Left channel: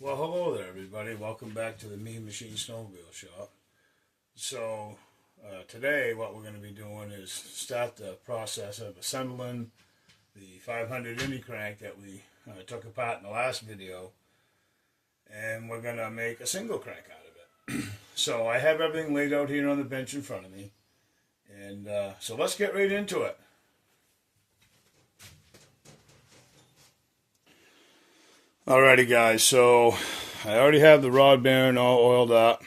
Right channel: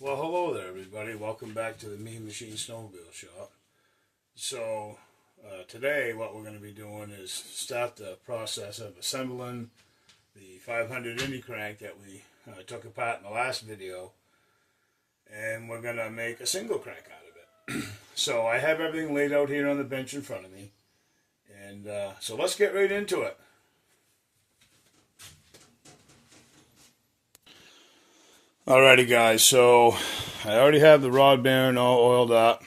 Well, hello there, everybody. Welcome back to the Mean Machine Snowmobile Shop. So, today what we're going to be doing is start the process of assembling the 500 Indy crank that we took apart in the last video. And we're going to make a single crank out of it. So, I have everything laid out here on the bench in front of me. And so let's get right into it. Alrighty guys, so I already have the rod bearing all oiled up.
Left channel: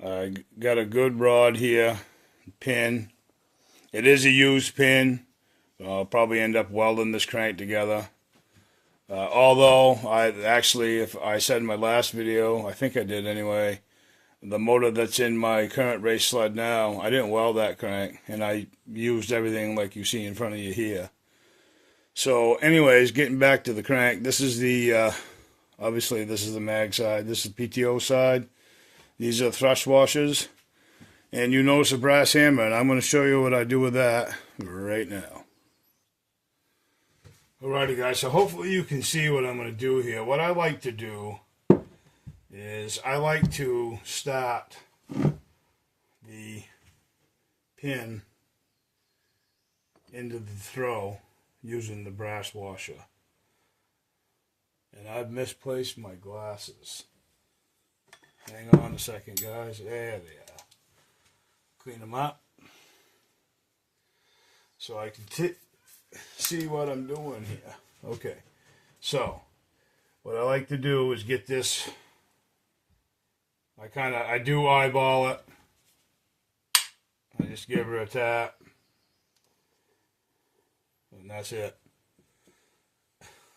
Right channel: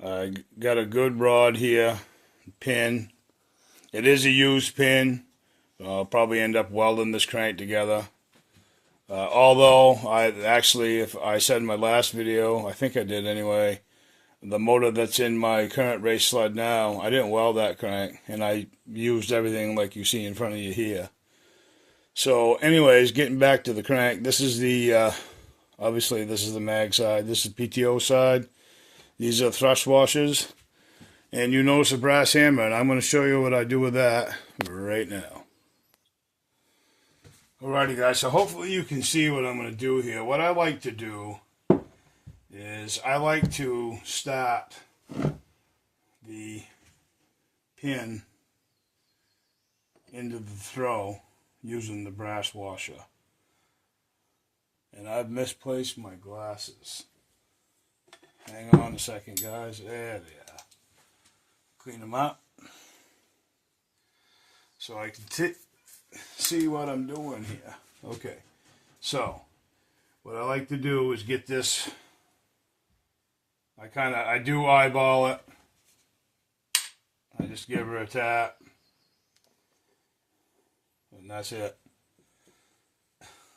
I got a good rod here, pin. It is a used pin. I'll probably end up welding this crank together. Although, if I said in my last video, I think I did anyway, the motor that's in my current race sled now, I didn't weld that crank, and I used everything like you see in front of you here. So anyways, getting back to the crank, this is the, obviously this is the mag side, this is the PTO side. These are thrust washers, and you notice a brass hammer, and I'm going to show you what I do with that right now. Alrighty guys, so hopefully you can see what I'm going to do here. What I like to do is I like to start the pin into the throw using the brass washer. And I've misplaced my glasses. Hang on a second, guys. There they are. Clean them up so I can see what I'm doing here. Okay, so what I like to do is get this. I do eyeball it. I just give her a tap. And that's it.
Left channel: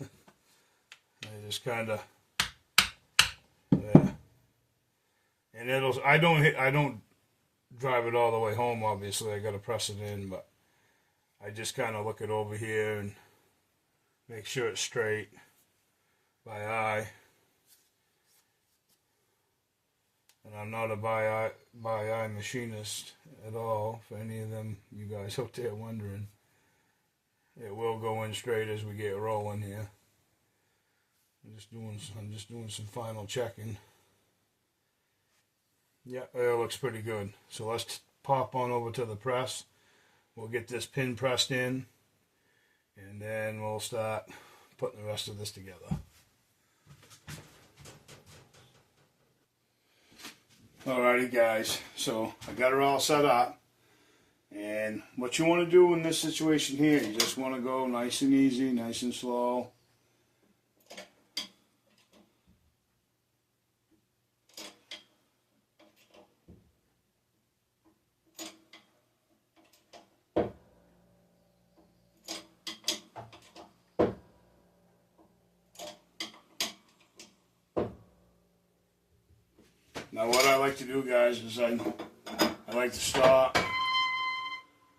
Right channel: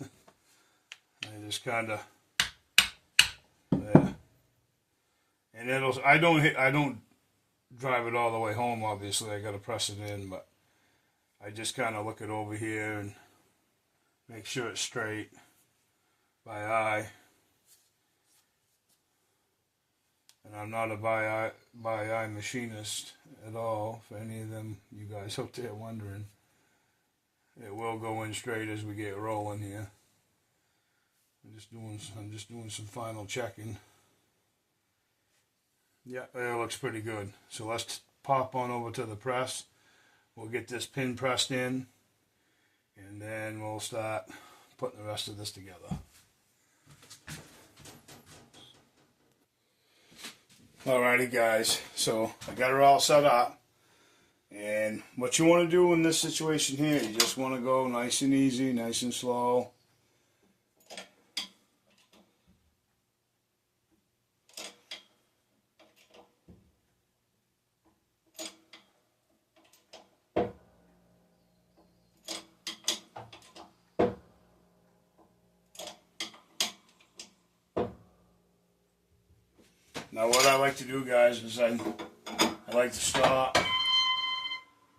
I just kind of there, and I don't drive it all the way home. Obviously, I got to press it in, but I just kind of look it over here and make sure it's straight by eye. And I'm not a by eye machinist at all. For any of them, you guys out there wondering. It will go in straight as we get rolling here. I'm just doing some final checking. Yeah, it looks pretty good. So let's pop on over to the press. We'll get this pin pressed in, and then we'll start putting the rest of this together. Alrighty guys, so I got her all set up. And what you want to do in this situation here, you just want to go nice and easy, nice and slow. Now what I like to do, guys, is I like to stop.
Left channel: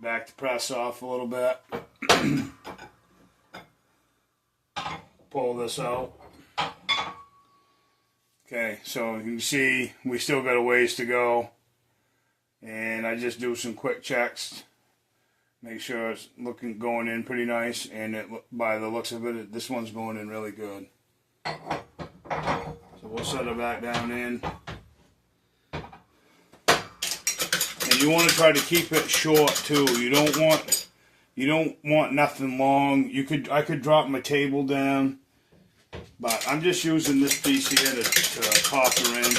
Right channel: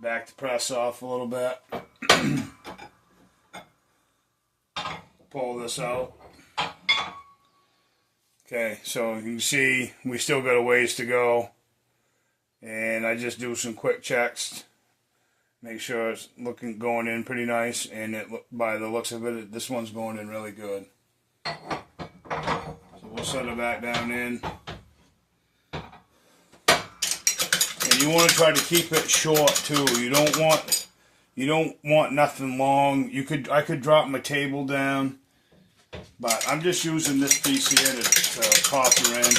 Back the press off a little bit. Pull this out. Okay, so you can see we still got a ways to go. And I just do some quick checks. Make sure it's going in pretty nice. And by the looks of it, this one's going in really good. So we'll set it back down in. You want to try to keep it short too. You don't want nothing long. I could drop my table down, but I'm just using this piece here to pop her in.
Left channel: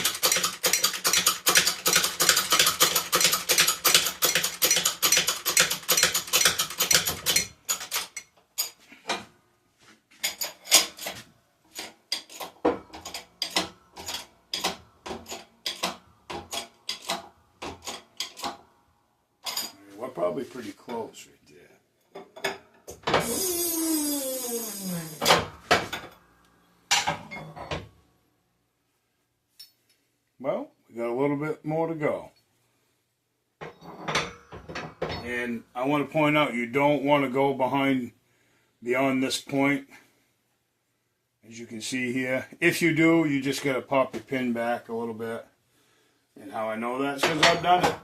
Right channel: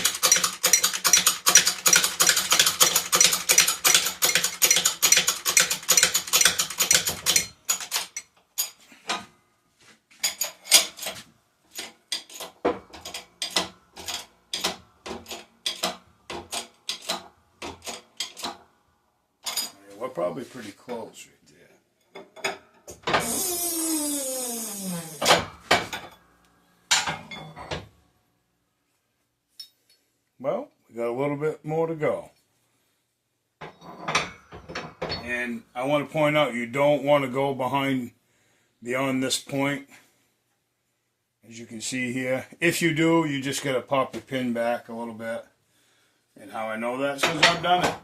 We're probably pretty close right there. Well, we got a little bit more to go. And I want to point out, you don't want to go beyond this point. As you can see here. If you do, you just got to pop your pin back a little bit. And how I know that is because I've done it.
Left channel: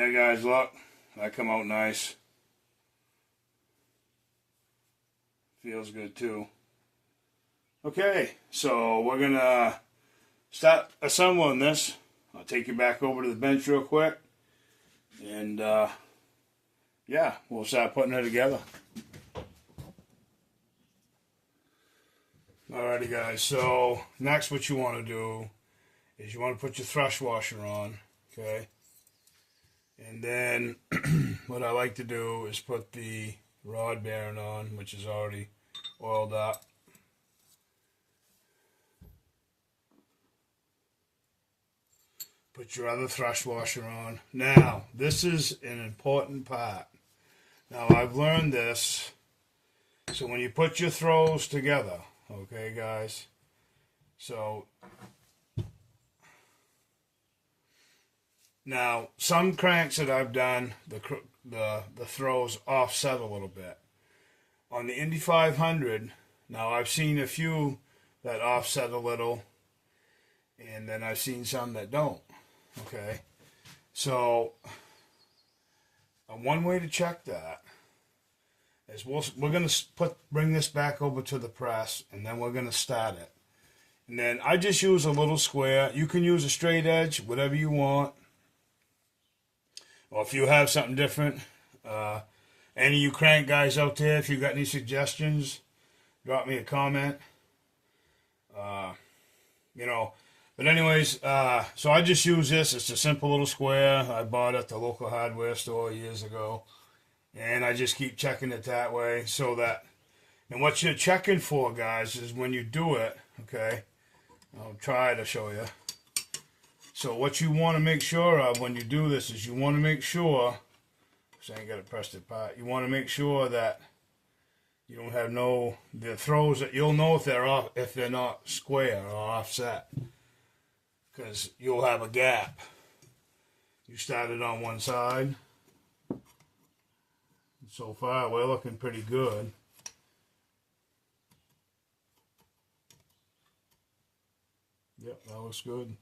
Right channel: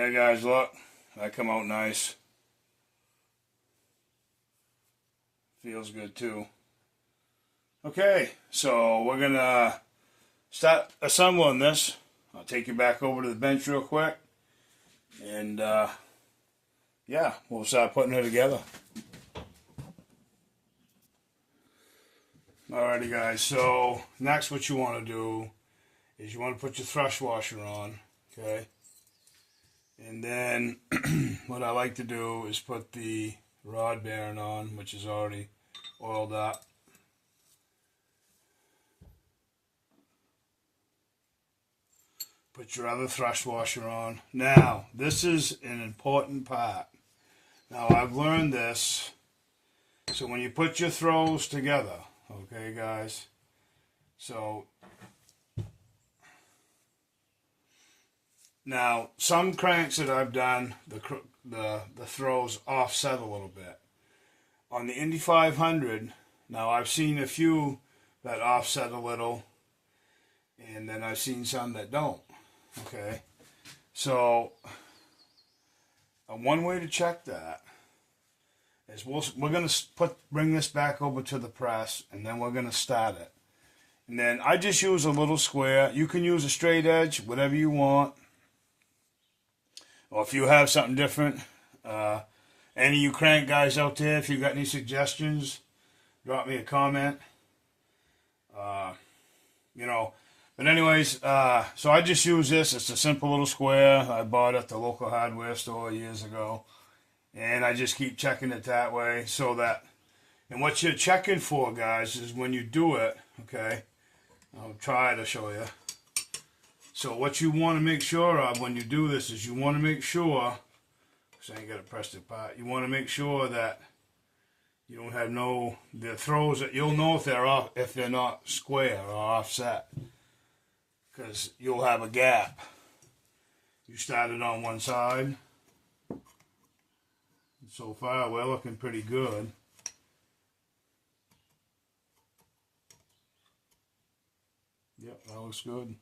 Yeah, guys, look. That come out nice. Feels good, too. Okay, so we're going to start assembling this. I'll take you back over to the bench real quick. And, yeah, we'll start putting it together. Alrighty, guys, so next what you want to do is you want to put your thrust washer on, okay? And then what I like to do is put the rod bearing on, which is already oiled up. Put your other thrust washer on. Now, this is an important part. Now, I've learned this. So when you put your throws together, okay, guys? So, now, some cranks that I've done, the throws offset a little bit. On the Indy 500, now I've seen a few that offset a little, and then I've seen some that don't. Okay, so one way to check that is we're going to bring this back over to the press, and then we're going to start it. And then I just use a little square. You can use a straight edge, whatever you want. Or if you have something different, any of you crank guys out there, if you got any suggestions, drop me a comment. You know. But anyways, so I just use this. It's a simple little square I bought at the local hardware store years ago. And I just keep checking it that way so that, and what you're checking for, guys, is when you do it, okay, I'll try to show you. So what you want to make sure of when you do this is you want to make sure, because I ain't got to press it apart, you want to make sure that you don't have the throws that you'll know if they're off, if they're not square or offset. Because you'll have a gap. You started on one side. And so far, we're looking pretty good. Yep, that looks good.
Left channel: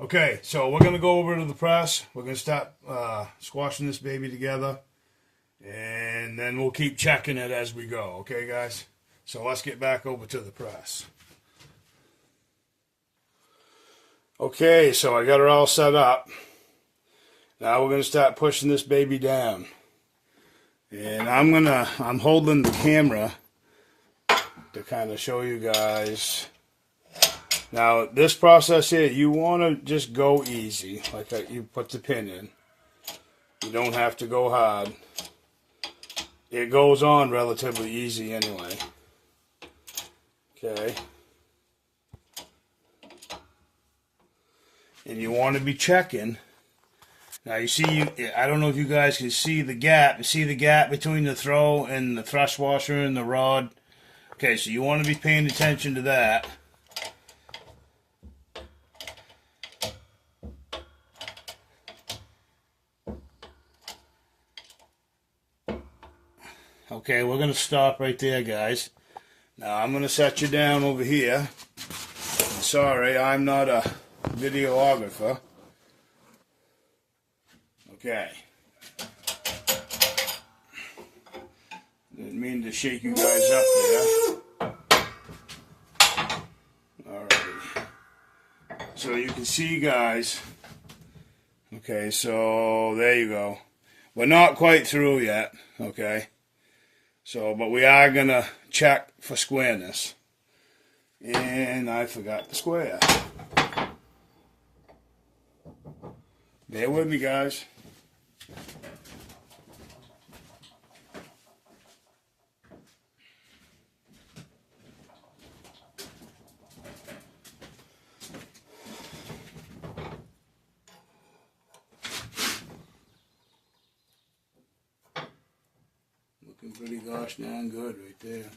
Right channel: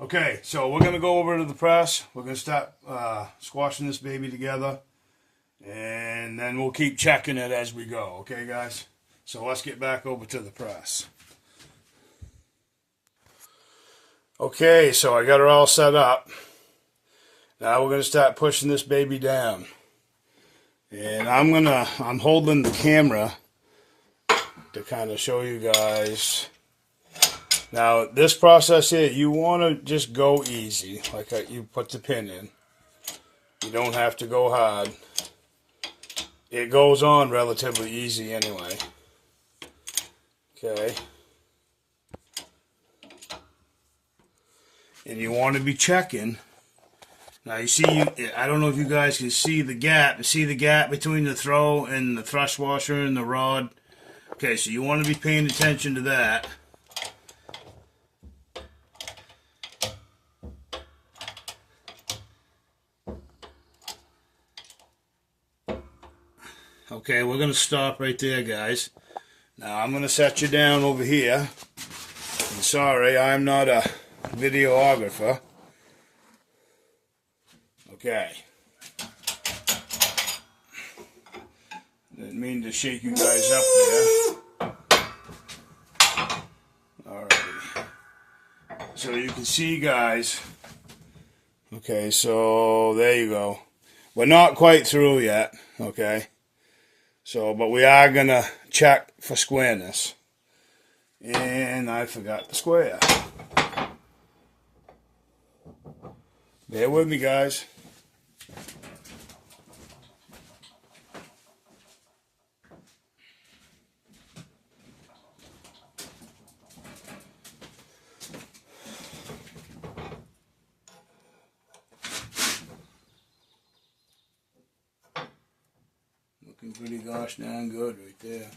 Okay, so we're going to go over to the press. We're going to start squashing this baby together. And then we'll keep checking it as we go. Okay, guys? So let's get back over to the press. Okay, so I got her all set up. Now we're going to start pushing this baby down. And I'm holding the camera to kind of show you guys. Now, this process here, you want to just go easy, like you put the pin in. You don't have to go hard. It goes on relatively easy anyway. Okay. And you want to be checking. Now you see, I don't know if you guys can see the gap. You see the gap between the throw and the thrust washer and the rod? Okay, so you want to be paying attention to that. Okay, we're going to stop right there, guys. Now I'm going to set you down over here. I'm sorry, I'm not a videographer. Okay. Didn't mean to shake you guys up there. Alrighty. So you can see, guys. Okay, so there you go. We're not quite through yet, okay? So, but we are going to check for squareness. And I forgot the square. Bear with me, guys. Looking pretty gosh darn good right there.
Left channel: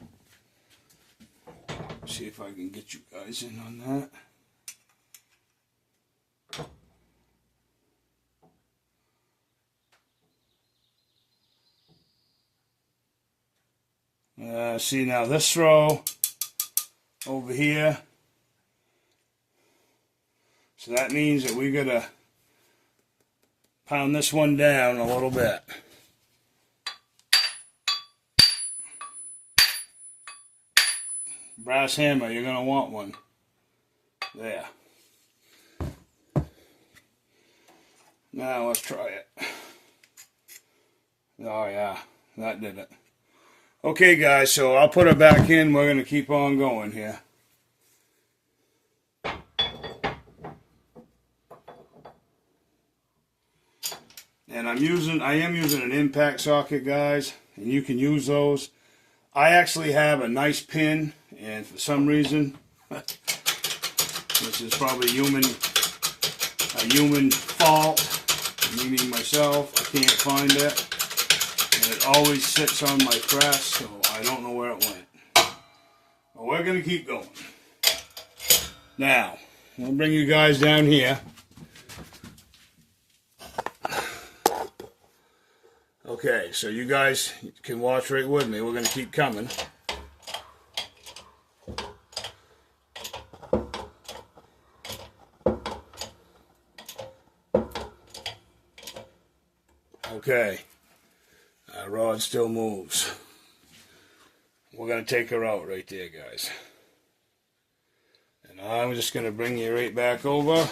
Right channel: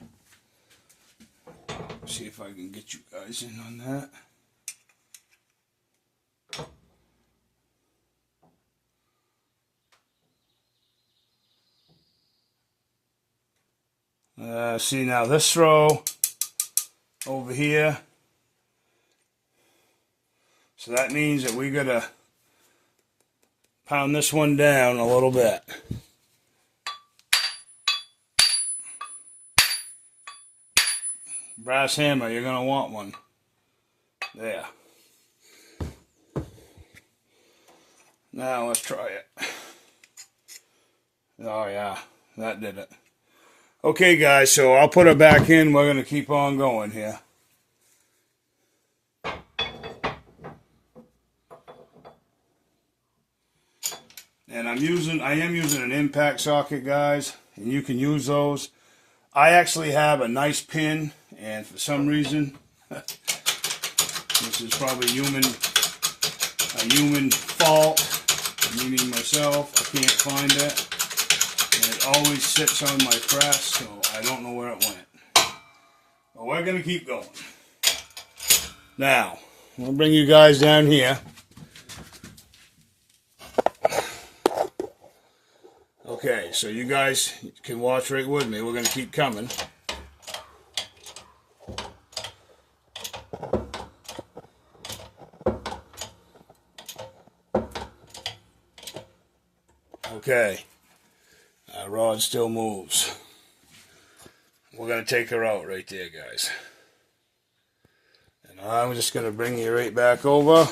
See if I can get you guys in on that. See now this throw over here. So that means that we gotta pound this one down a little bit. Brass hammer, you're going to want one. There. Now let's try it. Oh yeah, that did it. Okay guys, so I'll put it back in. We're going to keep on going here. And I am using an impact socket, guys, and you can use those. I actually have a nice pin, and for some reason, this is probably a human fault, meaning myself. I can't find it, and it always sits on my press, so I don't know where it went. But we're gonna keep going. Now, I'll bring you guys down here. Okay, so you guys can watch right with me. We're going to keep coming. Okay, our rod still moves. We're going to take her out right there, guys. And I'm just going to bring you right back over.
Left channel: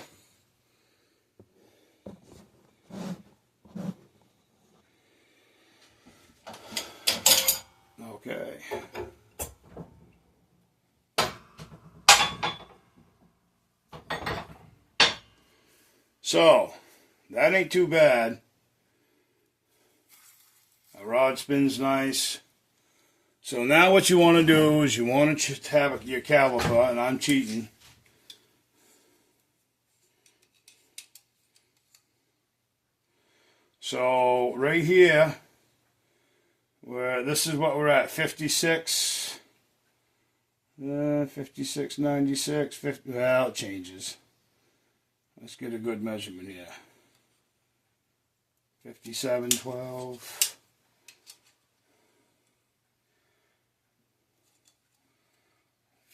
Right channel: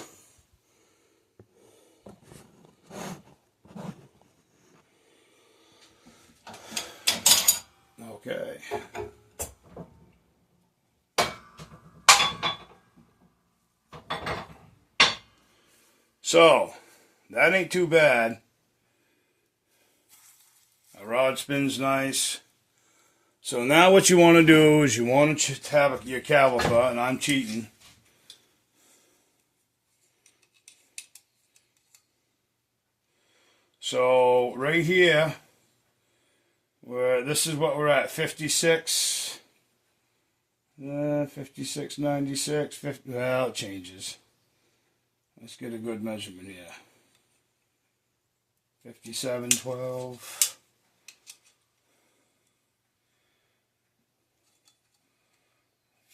Okay. So, that ain't too bad. Our rod spins nice. So now what you want to do is you want to have your caliper, and I'm cheating. So right here, this is what we're at, 56, 56, 96, 50, well, it changes. Let's get a good measurement here. 57, 12.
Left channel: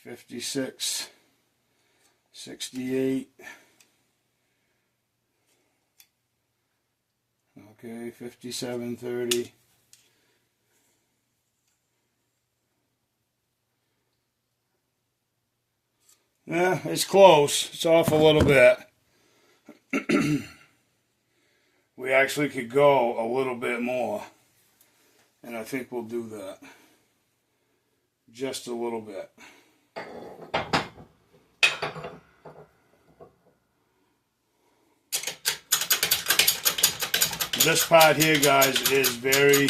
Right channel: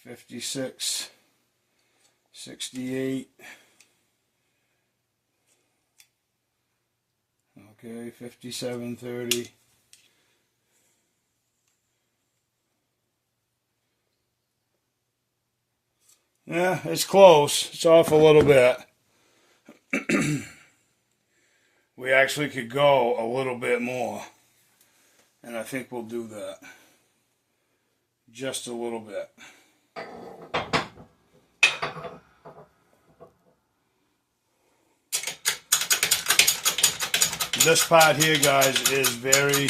56, 68. Okay, 57, 30. Yeah, it's close. It's off a little bit. We actually could go a little bit more. And I think we'll do that. Just a little bit. This part here, guys, is very,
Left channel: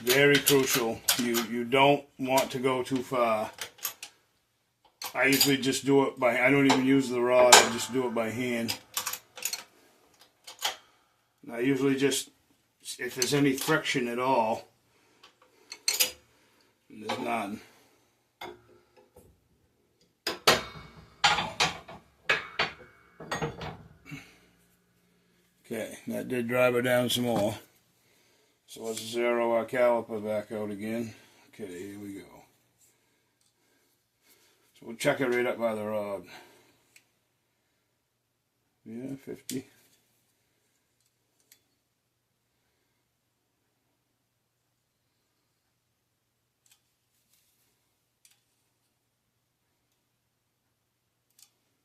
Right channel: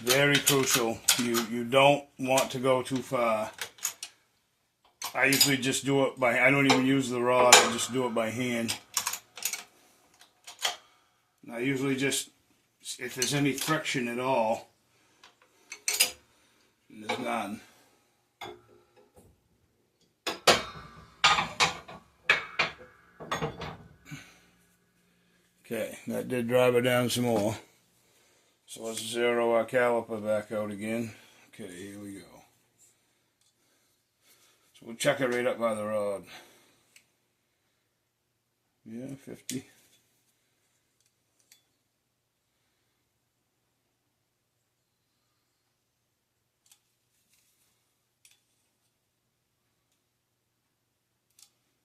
very crucial. You don't want to go too far. I usually just do it by, I don't even use the rod, I just do it by hand. And I usually just, if there's any friction at all, there's none. Okay, that did drive her down some more. So let's zero our caliper back out again. Okay, here we go. So we'll check it right up by the rod. Yeah, 50.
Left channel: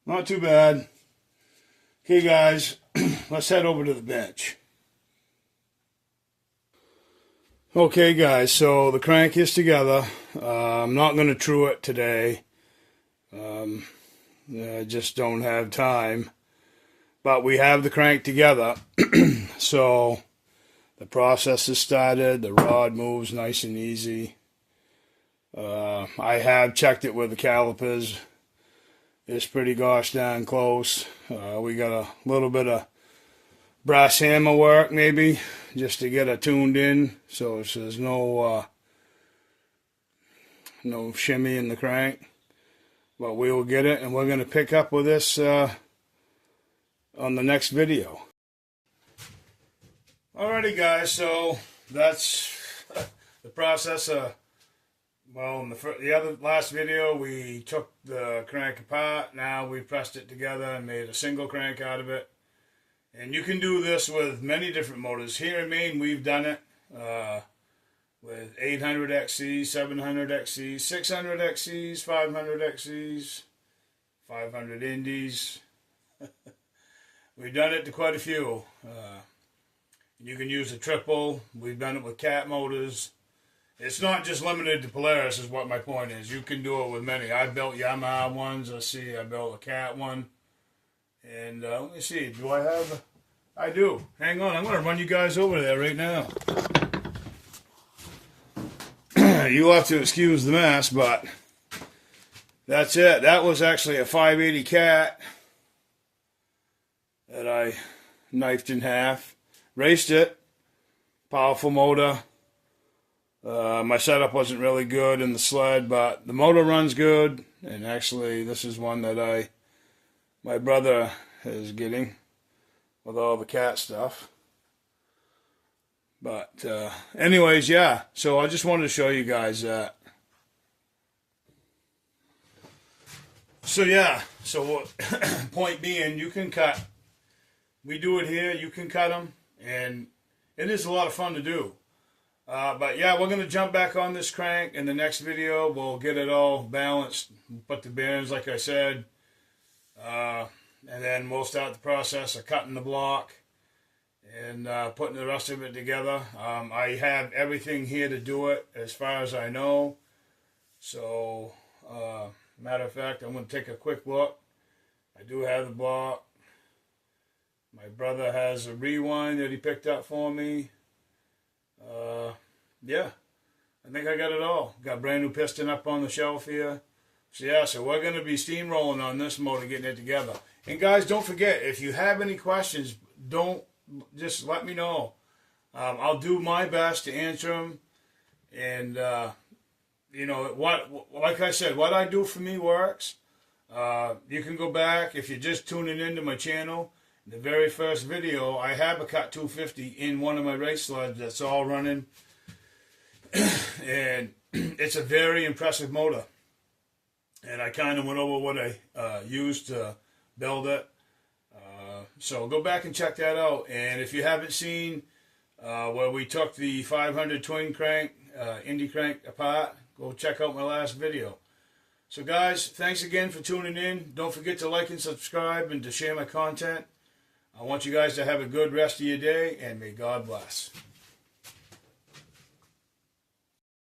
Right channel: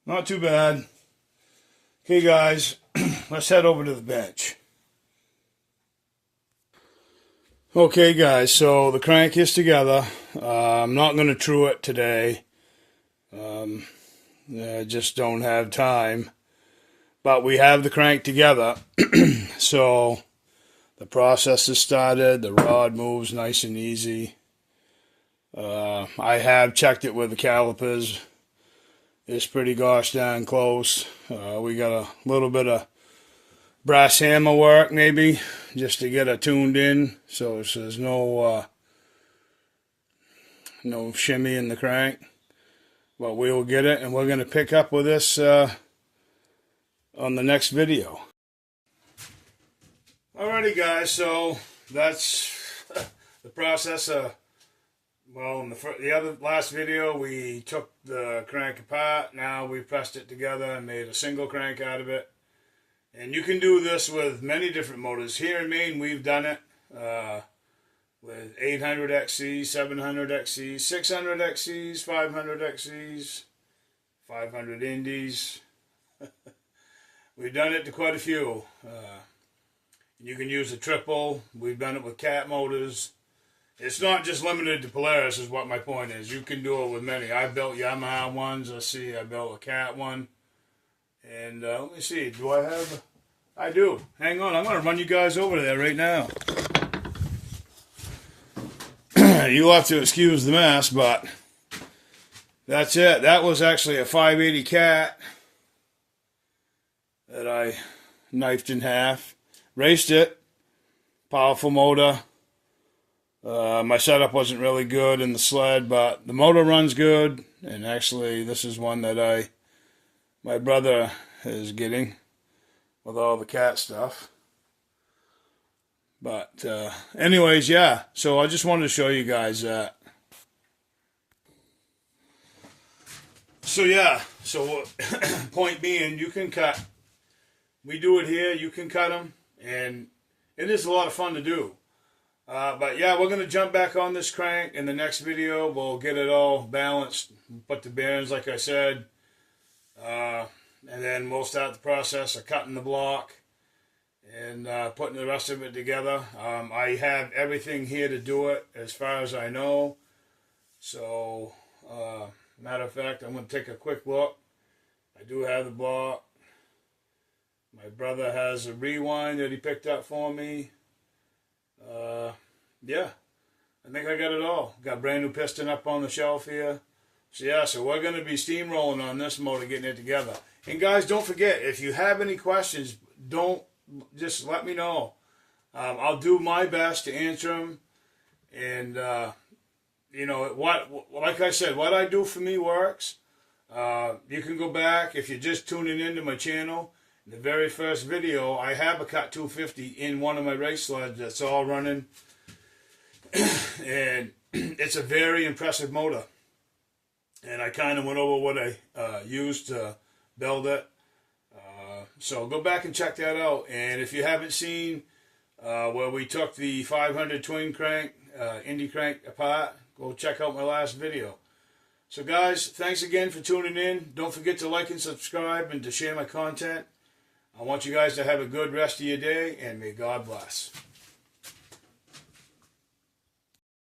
Not too bad. Okay, guys, let's head over to the bench. Okay, guys, so the crank is together. I'm not going to true it today. I just don't have time. But we have the crank together. So the process has started. The rod moves nice and easy. I have checked it with the calipers. It's pretty gosh darn close. We got a little bit of brass hammer work maybe just to get it tuned in so there's no shimmy in the crank. But we will get it, and we're going to pick up with this on the next video. Alrighty, guys, so that's the process. Well, in the last video, we took the crank apart. Now we pressed it together and made a single crank out of it. And you can do this with many different motors. Here in Maine, we've done it with 800 XCs, 700 XCs, 600 XCs, 500 XCs, 500 indies. We've done it to quite a few. You can use a triple. We've done it with cat motors. It's not just limited to Polaris is what my point is. You can do it with many. I built Yamaha ones. Let's see, I built a cat one. And let me see, do I have... I do. Hang on, I'm going to run you guys over there right now. You'll have to excuse the mess, but that's it. That was actually a 580 cat that I knifed in half. Raced it. Powerful motor. My setup wasn't really good in the sled, but the motor runs good. And actually, this is one that my brother is getting with all the cat stuff. But anyways, yeah. So I just wanted to show you guys that. So yeah. So point being, you can cut. We do it here. You can cut them, and it is a lot of fun to do. But yeah, we're going to jump back on this crank in the next video. We'll get it all balanced, put the bearings like I said, and then we'll start the process of cutting the block and putting the rest of it together. I have everything here to do it as far as I know. So, matter of fact, I'm going to take a quick look. I do have the block. My brother has a rewind that he picked up for me. Yeah, I think I got it all. Got a brand new piston up on the shelf here. So yeah, so we're going to be steamrolling on this motor, getting it together. And guys, don't forget, if you have any questions, just let me know. I'll do my best to answer them. And, you know, like I said, what I do for me works. You can go back, if you're just tuning into my channel, in the very first video, I have a Cut 250 in one of my race sleds that's all running. And it's a very impressive motor. And I kind of went over what I used to build it. So go back and check that out. And if you haven't seen where we took the 500 twin crank, Indy crank apart, go check out my last video. So guys, thanks again for tuning in. Don't forget to like and subscribe and to share my content. I want you guys to have a good rest of your day, and may God bless.